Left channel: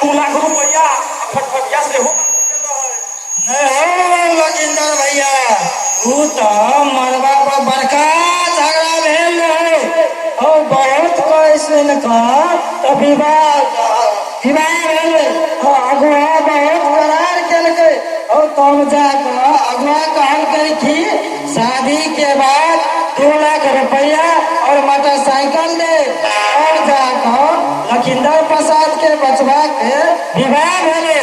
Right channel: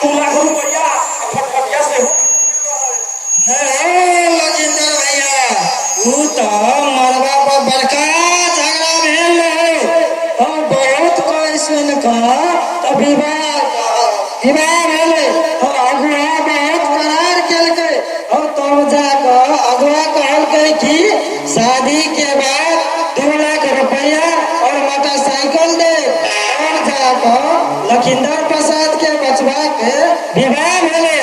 2 लाख रुपया फटफटिया से हो नहीं लजिंदर भैया ऊ तो मरबा पर बड़का झगड़ा भेल रहे और बहुत कैसे का तो विवाह भेल और अगुआ बहुत करार केलकै और तब जाकर अगुआ कहलकै कि शादी के बाद 2 लाख रुपया और मोटरसाइकिल दे और जाकर लखिंदर प्रसाद के बचवा के विवाह भेले।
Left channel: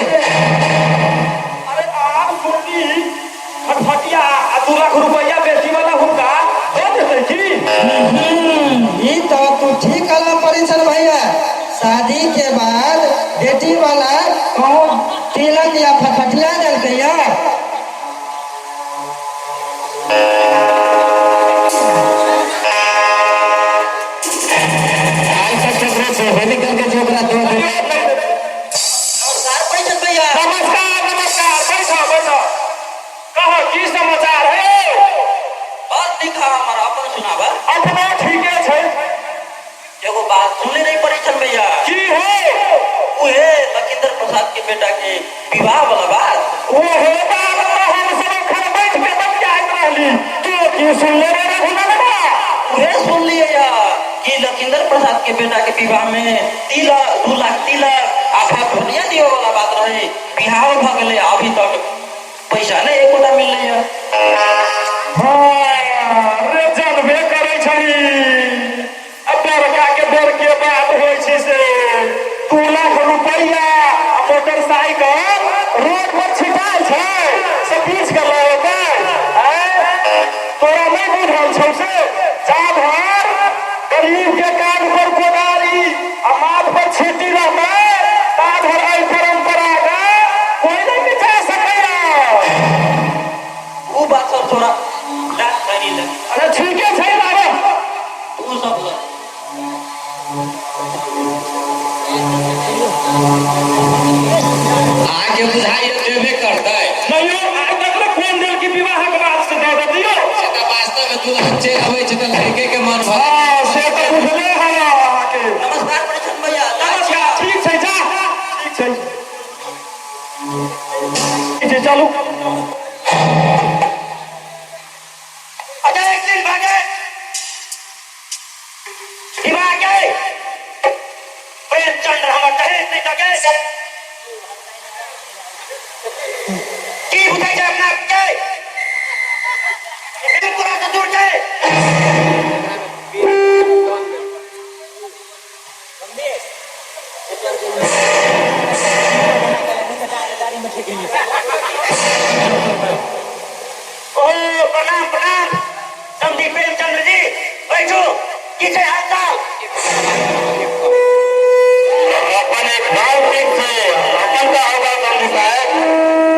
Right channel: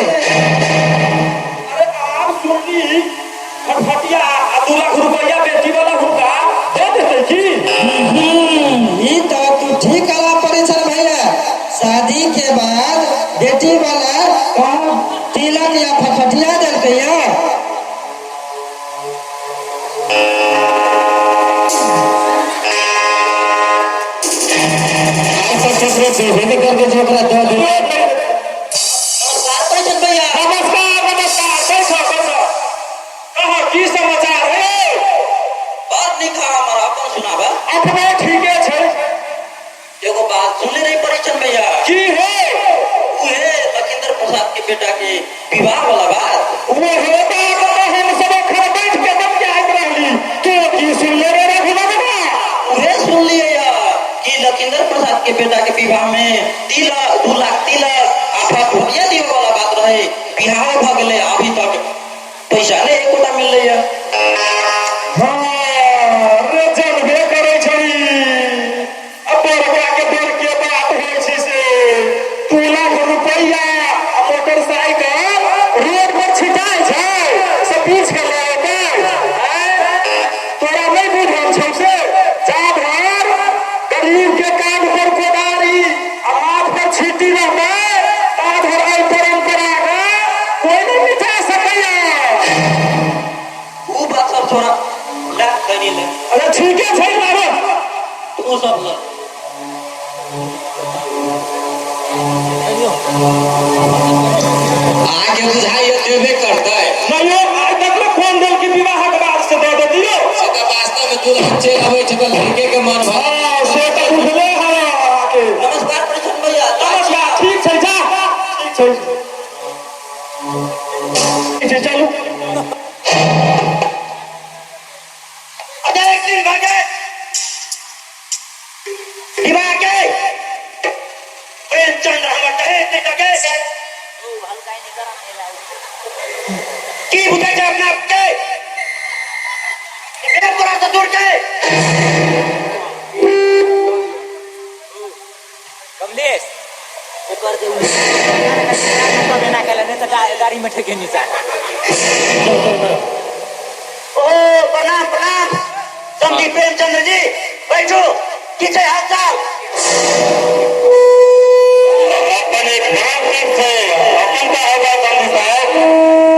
फटफटिया 2 लाख रुपया बेटी वाला होगा दे देते जी। ये तो तू ठीक कला परिचय भैया शादी के बाद बेटी वाला कौन तिलक या फटफटिया देलकै या करके जो बड़ा दो दे। नमस्कार परिचय भैया। नमस्कार बैठो बैठो। कहो की समाचार है? बात लिखा हमारा अपन सुनावा। अपना ठीक है। एगो बात सुनले नहीं परिचय भैया। की है? वो है लखिंदर प्रसाद के बेटा के विवाह वाला बात। वो है बात तो हम सब घर बैठ के तब क्या आइत रहली। तू की सुन ले रे भुला बा। वो सुन लिए या कि लखिंदर प्रसाद के बेटा के विवाह में 2 लाख तिलक आ फटफटिया दियो वाला बात रहे। बिहार भ गेले अभी तक पैसा नहीं एकोटा मिल रही है। हां रे जानबे करे छली। अब बड़का के दर के बात होई छी से 2 लाख रुपया मोटरसाइकिल रोड पर छिटाई छै से बीच के लाओ तोरा नहीं बुझल छौ से जा भर गरीब के कान पर कोदारी आ माथ पर छीटी रहबै ता भर आई परंपरा का कोई नहीं मिटा सकैया। वो बात सब थोड़ा लाख करी ले। अरे ठीक है सही बाबा वो सब आगे बुझाई देबे करतै नहीं देखो फोन दिल की विवाह के बाद से दे दे दियो से तो वास्तव में तुरंत चेक होई छै तो लड़के के मन भर। हां से तो बुझले है आके। नमस्कार परिचय भैया। नमस्कार ठीक छै जा ठीक छै चलू। अच्छा एक दिन भागे विवाह के प्रेमचंद्र हमर दहेज नहीं लगे की बुझे छै अपने के एक पूरा से दूर के कमलेश एक बार के देना कहले तो गाड़ी में ठेके नहीं था। ओ प्रणाम प्रणाम समझी प्रेमचंद्र जी बैठो किसे हाथ साल अपन एक भाव ठीक छै अपन का होगा गांधी साहब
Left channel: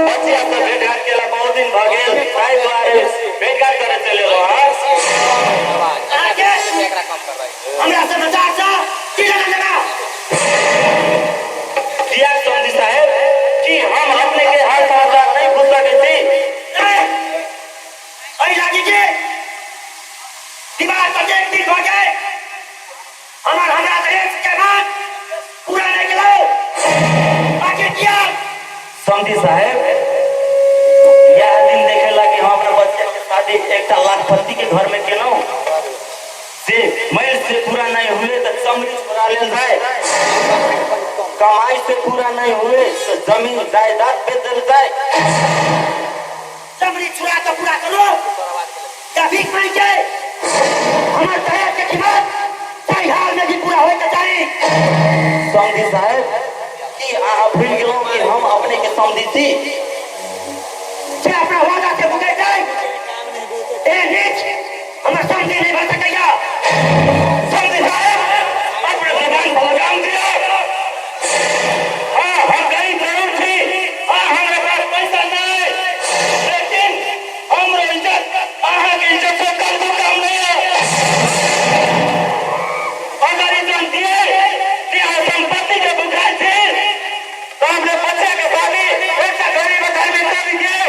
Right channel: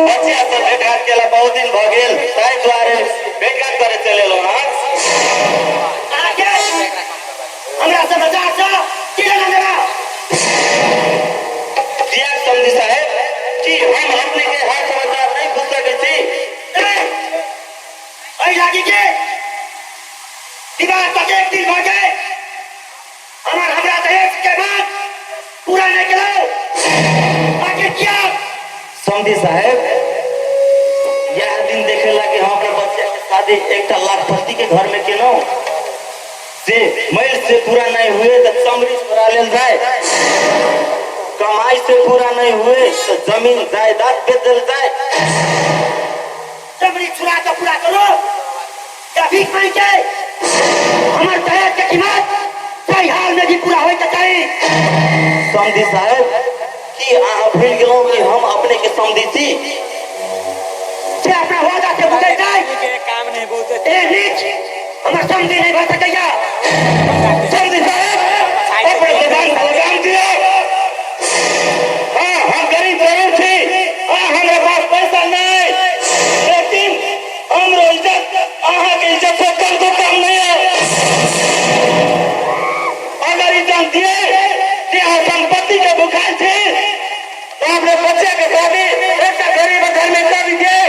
बच्चे से भेंट घाट केला बहुत दिन भ गेल ताहि द्वारे भेंट घाट करे चले लो। आगे हमरा से मजाक सा की लेना देना दिया समझी साहब कि हम अपने के हर समाचार नहीं भूल सके छी। ऐ लागी के दीवार पर एक दिन हो गए हमरा दहेज के बाद पूरा नहीं कराओ आगे क्या समझी साहब यह दिन देखेला कि हम अपना बच्चे के शादी एक लाखपति के घर में केनो से मैल से पूरा नहीं हुए तो चमड़ी छोड़ा लेल जाए कमाई से पूरा नहीं हुए तो जमीन जायदाद बेच दिल जाए। चमड़ी छुरा तो पूरा करो या भीख मांग के हमारे दहेज के कीमत सही हाल में भी पूरा होए के चाहिए। समझी साहब कि अहाँ भूल गेलौं कि हम अपने के समझी थी से अपना वादा से मुकर जाए काम नहीं बहुत ए नीच हमारे समझी नहीं भर सकेगा। समझी साहब अपने जबान पर लगाम दियो। हाँ हम गरीब जरूर थी हमारे पास पैसा नहीं लेकिन हमरो इज्जत अहाँ के इज्जत से कम तो कम नहीं है। अगर इज्जत दिए कि अहाँ संपत्ति के भुखार थे तो अपने बच्चे के शादी एक गरीब घर में कर दीजिए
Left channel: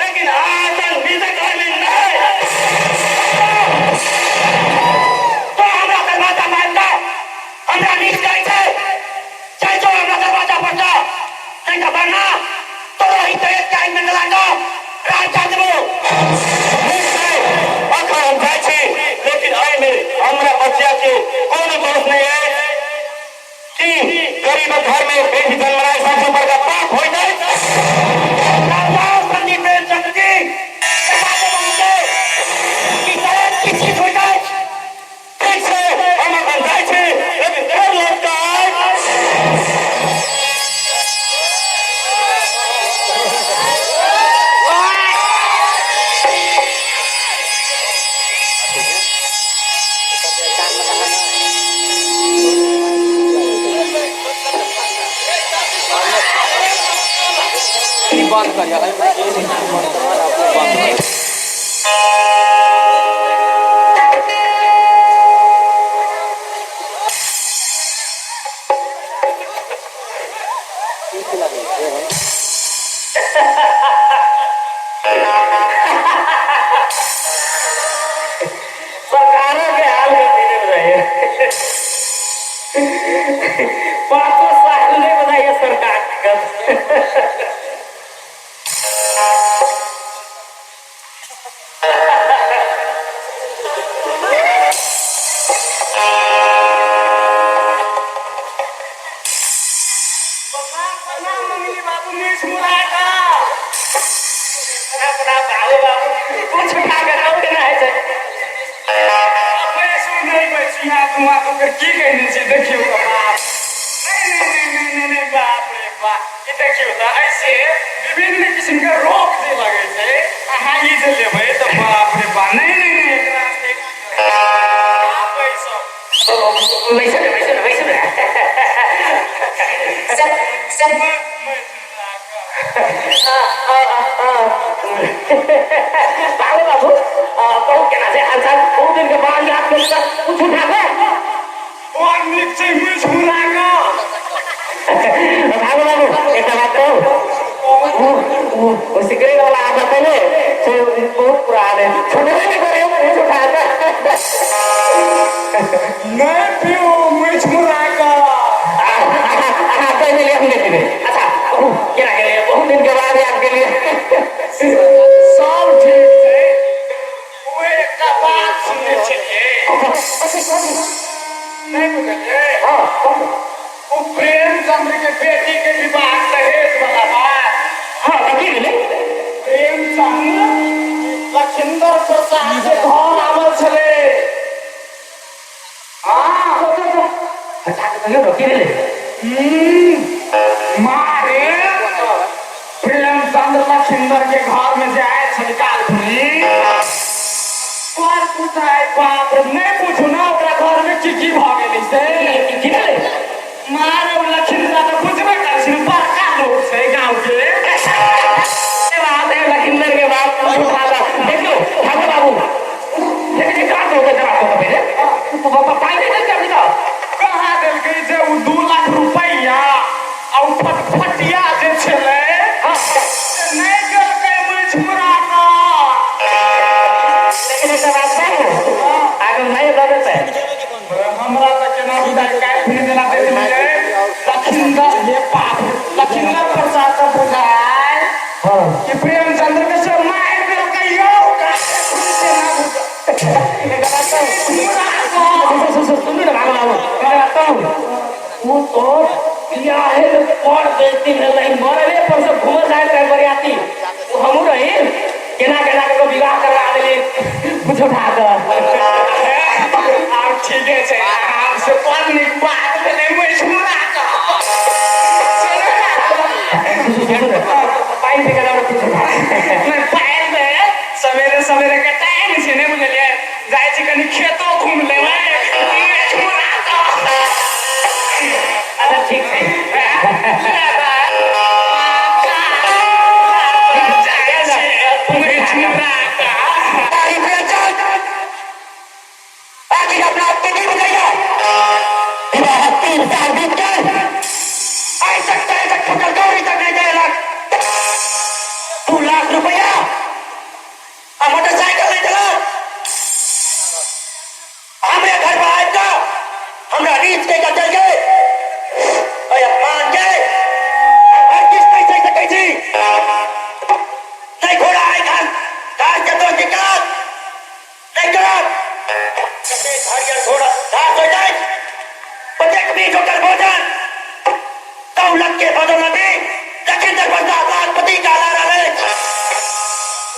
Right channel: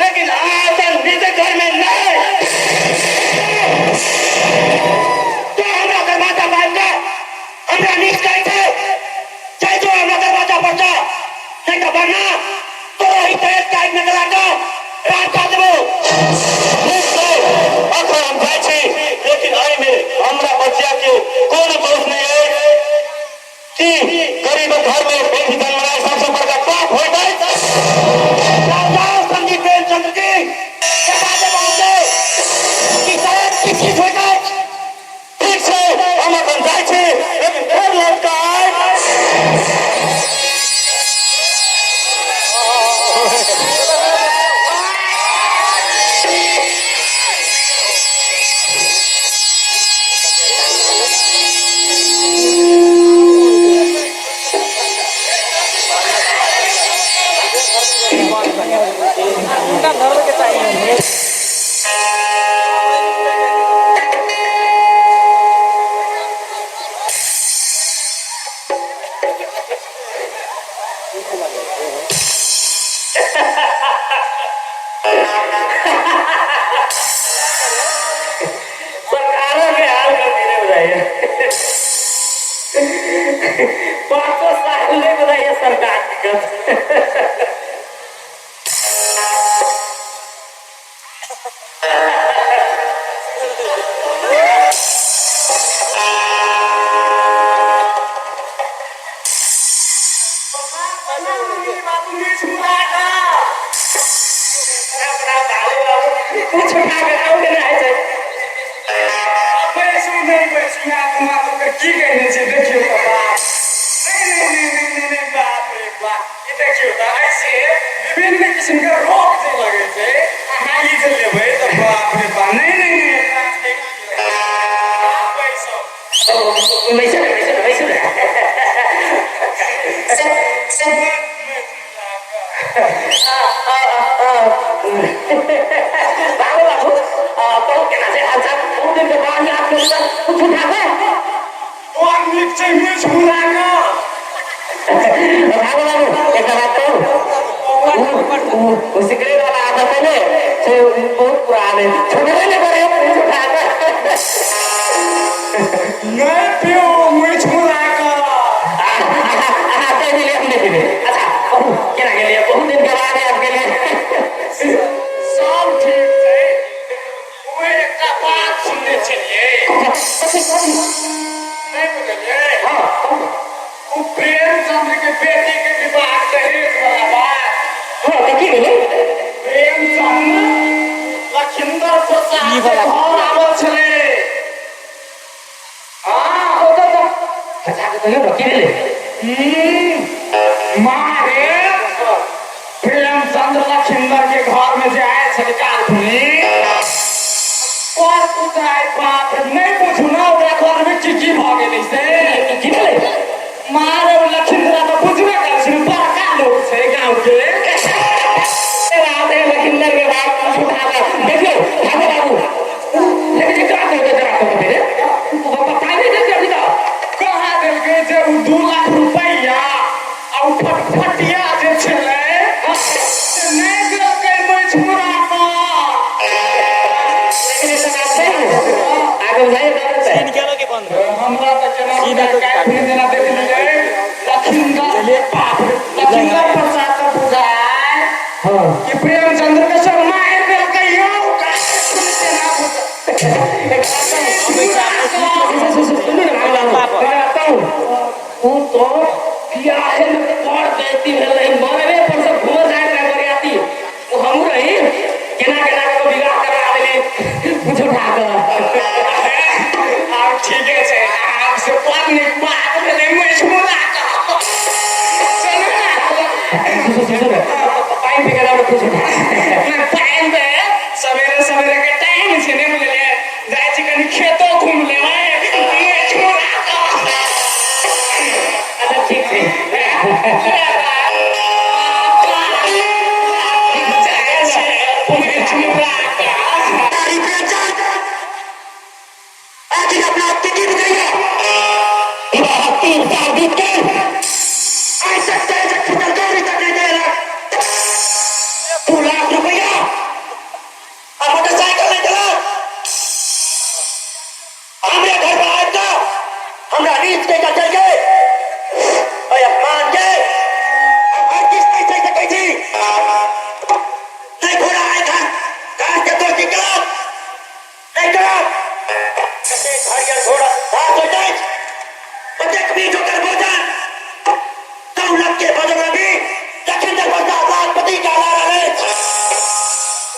लेकिन आज निजी घर में नहीं तो हमरा दरवाजा बंद हमरा नीच कहै छै चाहे जो हमरा दरवाजा पड़ता है खबर ना तो ही तेरे टाइम में गला दो रात का देबो अखर हम जाय छी लेकिन आइ में हमरा बच्चा के कोन दोष नहीं है कि गरीब घर में बेटी जन्माए सबसे बड़का पाप होय जाय संदीप प्रेमचंद्र जी समाज पहुंचे कि शायद किसी होय जाय ठीक से हम अपन जाय छी लेकिन फेर लड़का सरकारों के हाल कर दिए बताइए 500 साल में बताइए सरकार की कुछ उठा कर आओगे ना ऐसे की कहने से देखियो बाप नहीं बाप रे बाप ये देखियो त ऐसे विभिन्न किस्म के रोग जे लगे छे अहाँ ई जे लेबै त बाप रे बाप नहीं एकरा बाबू बाबू तो केना से हाल चाल बहुत दिन के बाद याद कर कुछ उठा दे और नीचे में छुरा का बाबू बाबू एक बात तो वो सिकरे वाला आता था ने से बहुत पुराने छोटे ने करे कुछ उठा का मैं पियो मैं छुरा का ले हमने दे अच्छा केना के लिए बहुत दिन के बाद याद के लिए सब ठीक है वो एक बात सुनने चाहिए नहीं बुझलिए हां वो प्रेमचंद्र के बेटी के विवाह दहेज वाला बात हां कथी गेले प्रेमचंद्र लखिंदर प्रसाद के घर आवल छले हां तो अच्छा तो यो की गेले मारे प्रेमचंद्र लखिंदर के घर में जाए सरकार भूमि और पूछाए बाप नहीं पूछू ना ओकरा घर में की भागे से की भेले मारे लखिंदर तो बुझबे कर सिर्फ बड़का लोग से गांव के बात है लखिंदर के बाप देखियो ठाकुर बाबू लेकिन क्या होगा जरा तो मेरे तो पता नहीं चलता अभी तो कहां दिल के जे 2 लाख रुपया और फटफटिया जे छले नहीं दिल के मजबूरा का लेकिन ऐसा बात है आगे नहीं बदलते हमरा तो केना सरकार भी देना दे दिले लखिंदर ये पाप लखिंदर प्रसाद का बुझाए हां कि प्रेमचंद्र के सब मार दिल के यो का सुनते ना बुझ एक बात सुन ना वो तो बियाहे में पड़ देती है नहीं मरवे पर से घूम जाए रे बरियाती वो हम रही केना केना को विवाह करा देले कुछ उठा कर आप ठीक है से आपसे पत्नी बात में नहीं मैं सुना का सुनो ना टाइम पे गला कुछ उठा मैं टाइम पे सवेरे सवेरे के टाइम से ने बोले जाए छी कनी खेतो घूम ले मैं छोरा का अच्छा ठीक है $2 लाख पदोन्नति लखींदर प्रसाद लाखपति का नारा है।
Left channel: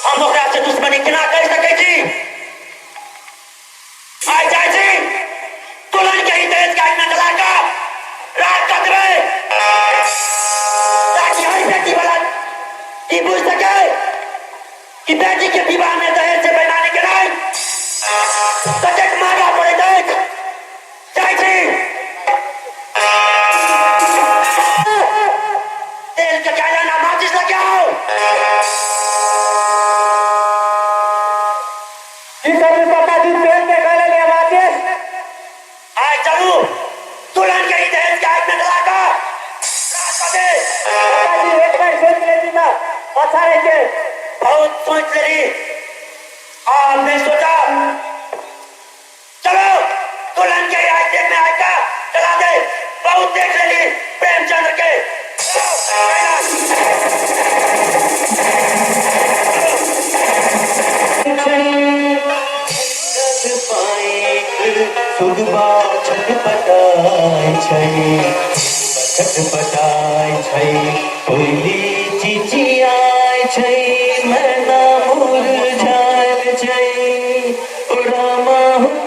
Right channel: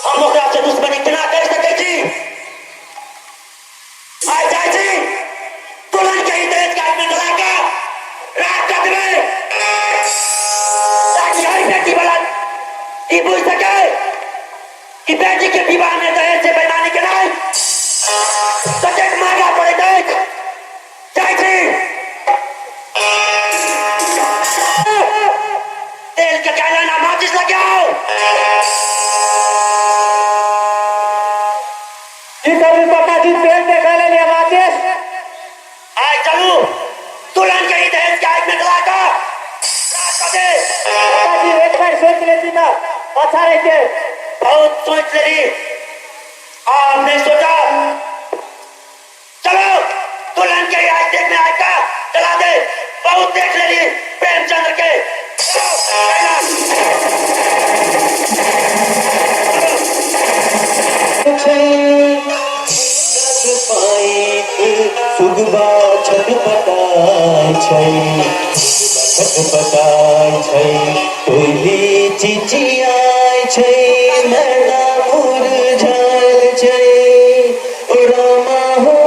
हम ओकरा से दुश्मनी केना कर सकै छी? आइ जाइ छी तुलन के ही देश का में लगा कर राज कर देबै, ताकि हर बेटी वाला ई बुझ सके कि बेटी के विवाह में दहेज से बेईमानी के नहीं कतेक महंगा पड़े देख। जाइ छी तेल के डाला ना माचिस लगे आओ। की करू पापाजी, पेन के गले लिए माचिस। आइ चलू तुलन के ही दहेज के आग में लगा कर राज कर दे। पापाजी एक बार सोच लेती ना, अच्छा रहे। बहुत सोच लेली, आपने सोचा। चलो दुल्हन के आज देख में आएगा चला दे। बहुत देख लेली प्रेमचंद्र के। सुगबा छटपटाय छै, छटपटाय छै, कोइली चिचियाय छै, मैना मुरझायल छै, ओ रामा हो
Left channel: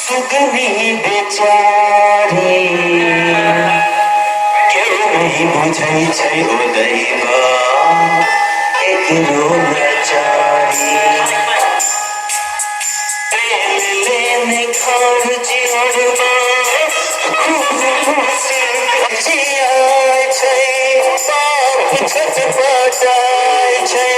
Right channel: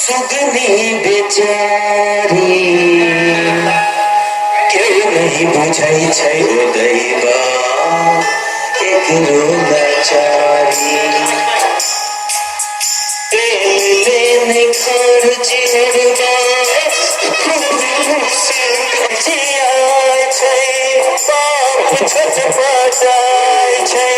सुगनी बेचारी क्यों नहीं बुझै छै ओ दैवा केकरो लाचारी। तेल लेने खर्च हरबा जियाय छै, बाप छटपटाय छै,